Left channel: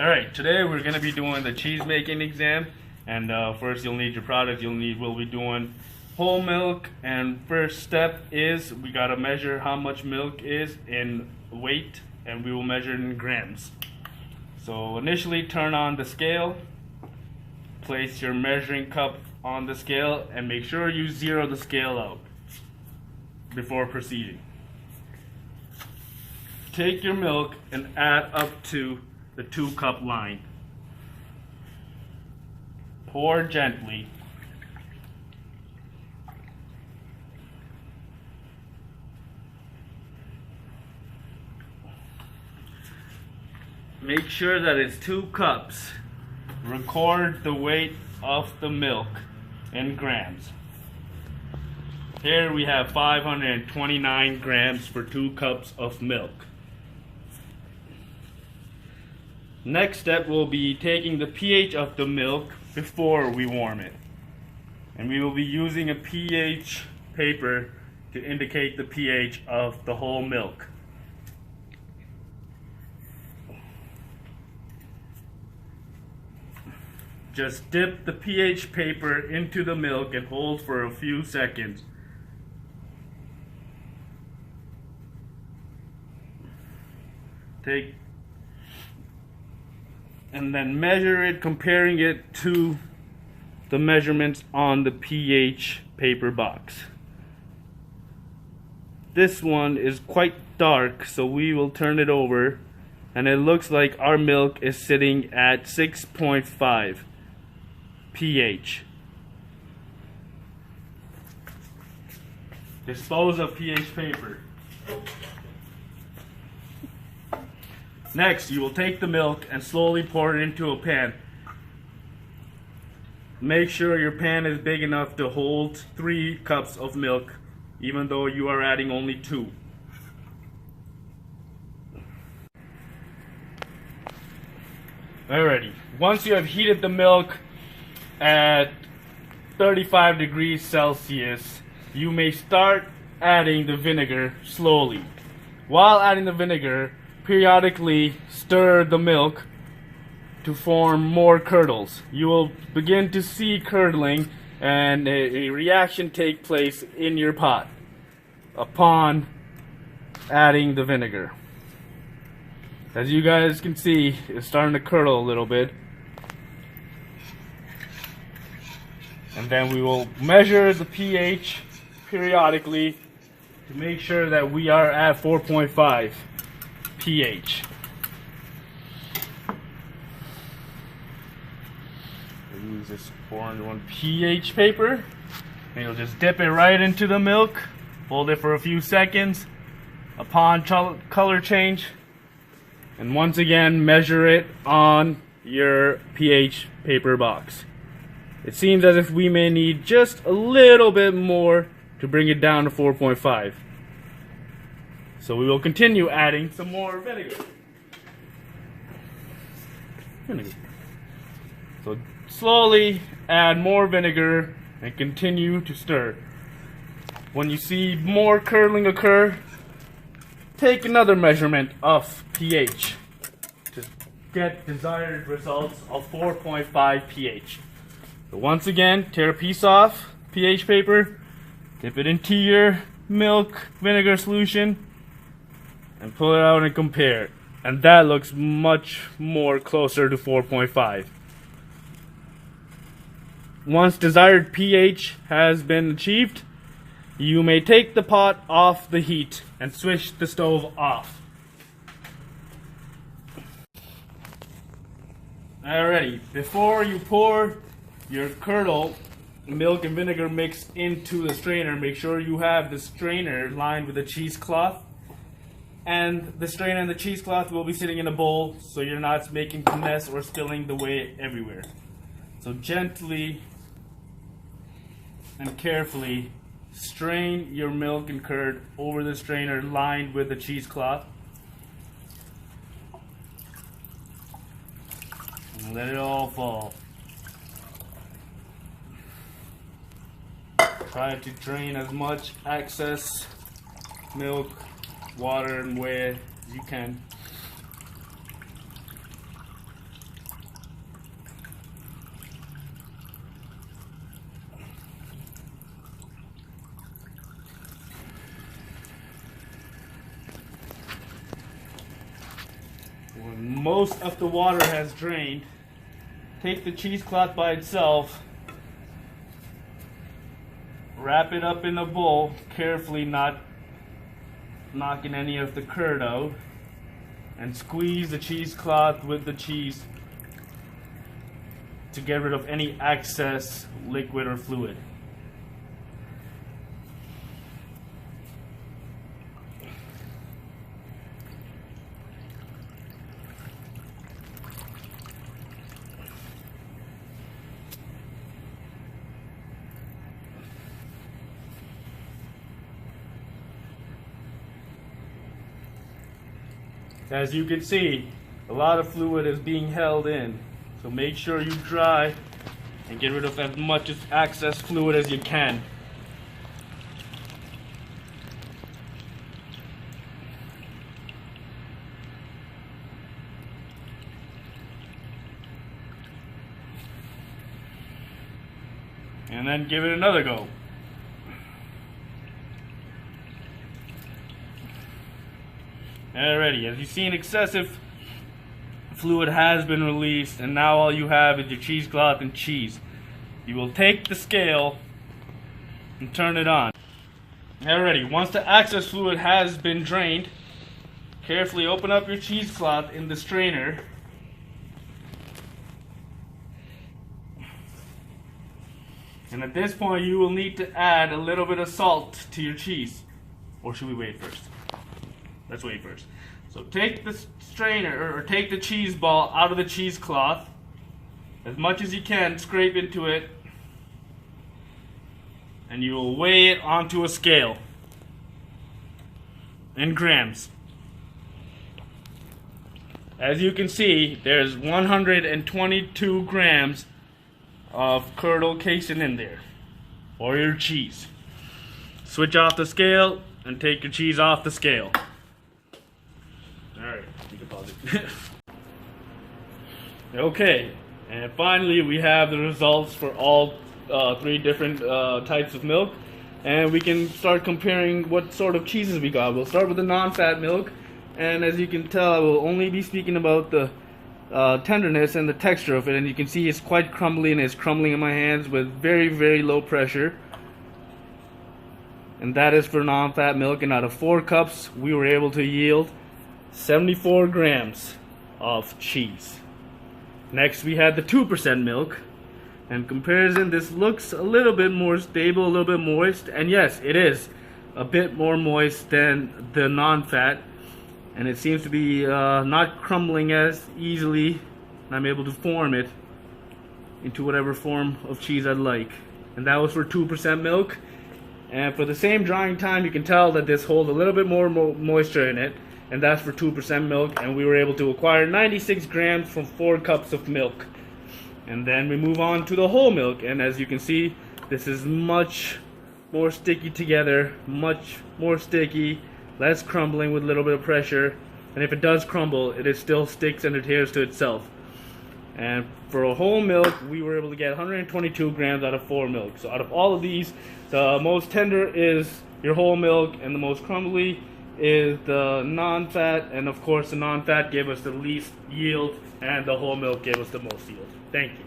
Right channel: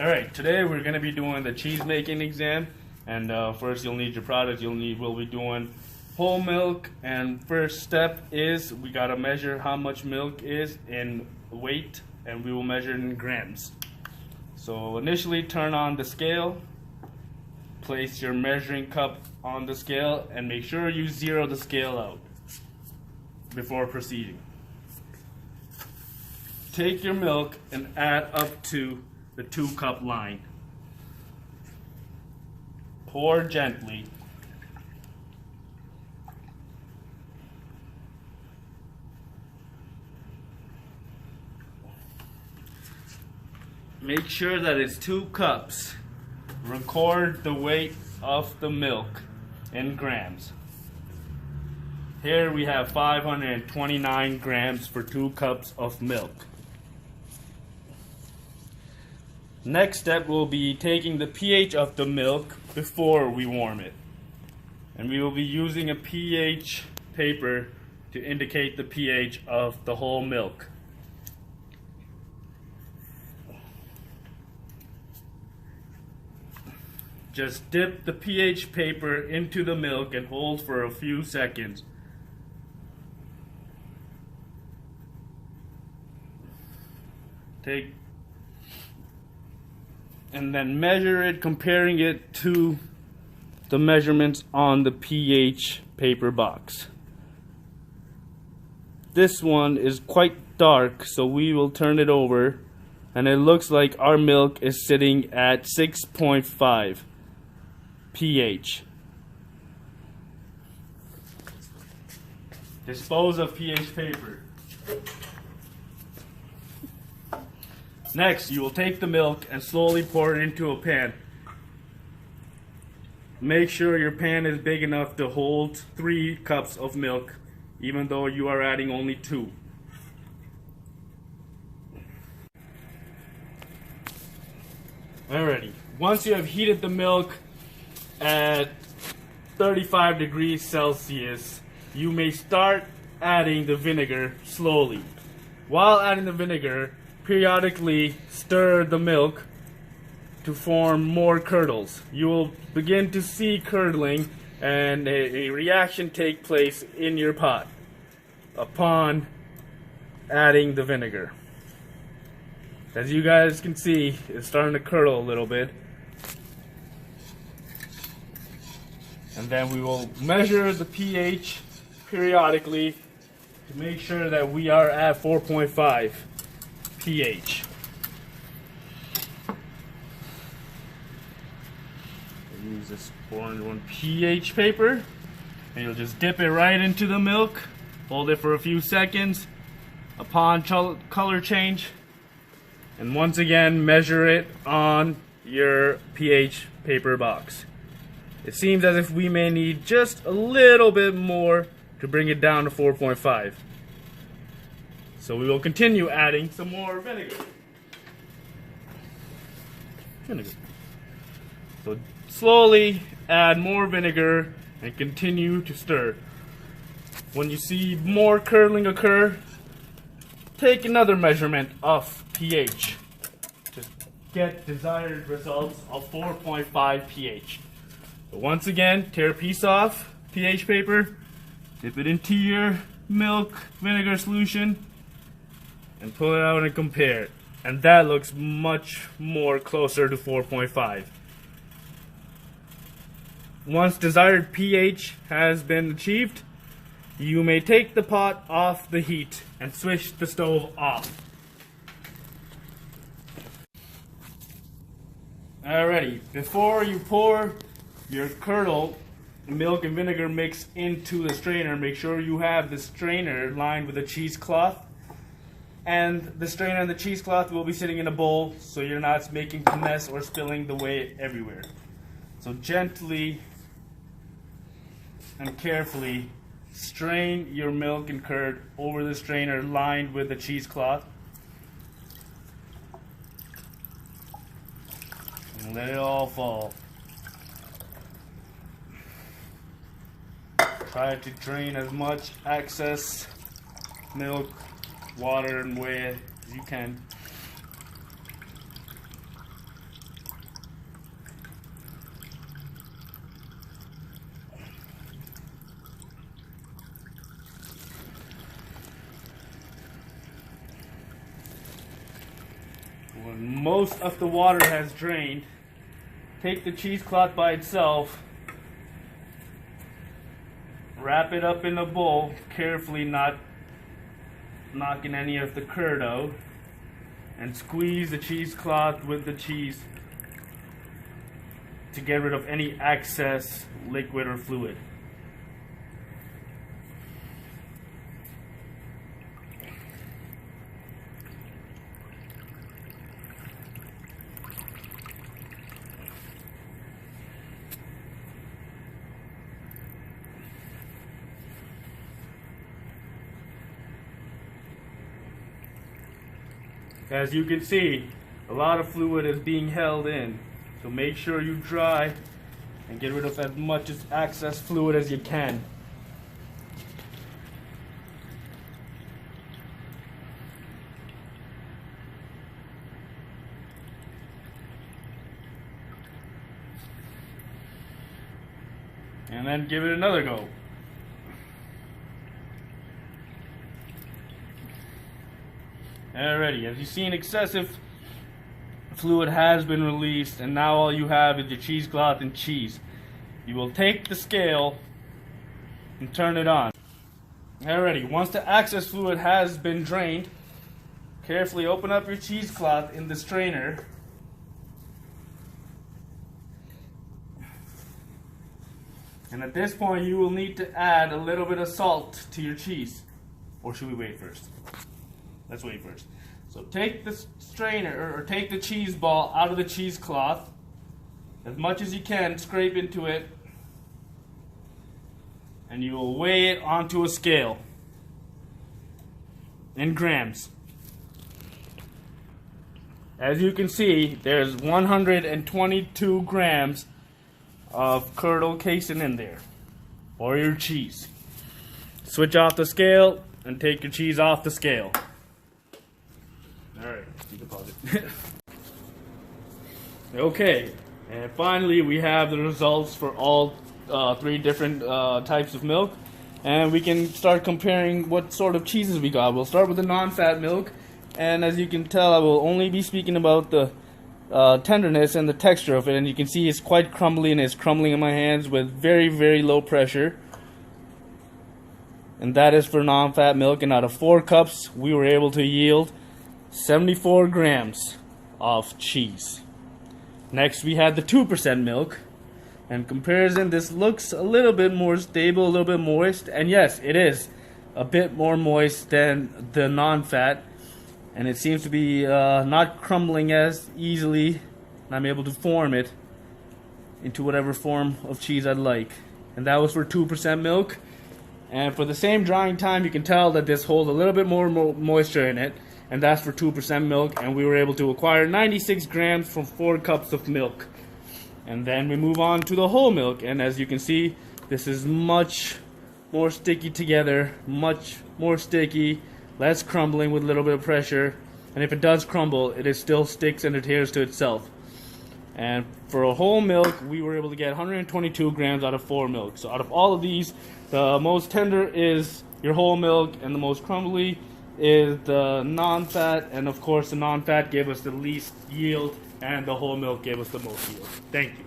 Alright, today we're going to be doing the cheese making exam. And first you'll need your product. We'll be doing whole milk. And first step is we got to measure how much milk is in weight. And we will measure it in grams. So initially turn on the scale. Place your measuring cup on the scale. And make sure you zero the scale out before proceeding. Take your milk and add up to the 2-cup line. Pour gently. Make sure that it's 2 cups. Record the weight of the milk in grams. Here we have 529 grams for 2 cups of milk. Next step will be taking the pH of the milk before we warm it. And we will be using a pH paper to indicate the pH of the whole milk. Just dip the pH paper into the milk and hold for a few seconds. And then measure it, comparing it to the measurements on the pH paper box. This one is quite dark, so we will turn it over, and it looks like our milk is sitting at 6.5 pH. Dispose of pH paper. Next, you will take the milk and slowly pour it into a pan. Make sure your pan is big enough to hold 3 cups of milk, even though you are adding only 2. Alrighty, once you have heated the milk at 35 degrees Celsius, you may start adding the vinegar slowly. While adding the vinegar, periodically stir the milk to form more curdles. You will begin to see curdling and a reaction take place in your pot upon adding the vinegar. As you guys can see, it's starting to curdle a little bit. And then we will measure the pH periodically to make sure that we are at 4.5 pH. Use this 401 pH paper, and you'll just dip it right into the milk, hold it for a few seconds. Upon color change, and once again measure it on your pH paper box. It seems as if we may need just a little bit more to bring it down to 4.5. So we will continue adding some more vinegar. So slowly add more vinegar and continue to stir. When you see more curdling occur, take another measurement of pH to get desired results of 4.5 pH. So once again, tear a piece off pH paper, dip it into your milk vinegar solution, and pull it out and compare. And that looks much more closer to 4.5. Once desired pH has been achieved, you may take the pot off the heat and switch the stove off. Alrighty, before you pour your curdled milk and vinegar mix into the strainer, make sure you have the strainer lined with a cheesecloth. And the strainer and the cheesecloth will be sitting in a bowl so you're not making a mess or spilling the whey everywhere. So gently and carefully strain your milk and curd over the strainer lined with the cheesecloth. And let it all fall. Try to drain as much excess milk, water, and whey as you can. When most of the water has drained, take the cheesecloth by itself, wrap it up in a bowl, carefully not knocking any of the curd out, and squeeze the cheesecloth with the cheese to get rid of any excess liquid or fluid. As you can see, a lot of fluid is being held in, so make sure you dry and get rid of as much excess fluid as you can. And then give it another go. Alrighty, as you've seen, excessive fluid has been released, and now all you have is your cheesecloth and cheese. You will take the scale and turn it on. Alrighty, once the excess fluid has been drained, carefully open up your cheesecloth in the strainer. And at this point, you will need to add a little bit of salt to your cheese. Or should we wait first? Let's wait first. So take the strainer, or take the cheese ball out of the cheesecloth. As much as you can, scrape into it. And you will weigh it onto a scale. In grams. As you can see, there's 122 grams of curdle casein in there. Or your cheese. Switch off the scale and take your cheese off the scale. Alright, you can pause it. Okay, and finally we have the results for all three different types of milk, and we can start comparing what sort of cheeses we got. We'll start with the non-fat milk, and as you can tell, I will only be speaking about the tenderness and the texture of it, and you can see it's quite crumbly, and it's crumbling in my hands with very, very low pressure. And that is for non-fat milk, and out of 4 cups we were able to yield 74 grams of cheese. Next we had the 2% milk. In comparison, this looks a little bit more stable, a little bit moist, and yes, it is a bit more moist than the non-fat, and it seems to be not crumbling as easily, and I'm able to form it into whatever form of cheese I'd like. And that was for 2% milk. And for the same drying time, you can tell that this holds a little bit more moisture in it, and that's for 2% milk, and we were able to acquire 96 grams from 4 cups of milk. And then we move on to the whole milk, and as you can see, this is much more sticky together, much more sticky, less crumbling with a little bit of pressure, and if it does crumble, it still sticks and adheres to itself. And for a whole milk, we were able to get 122 grams out of 4 milk. So out of all of these, the most tender is your whole milk, and the most crumbly is the non-fat, and of course the non-fat gave us the least yield, and the whole milk gave us the most yield. Thank you.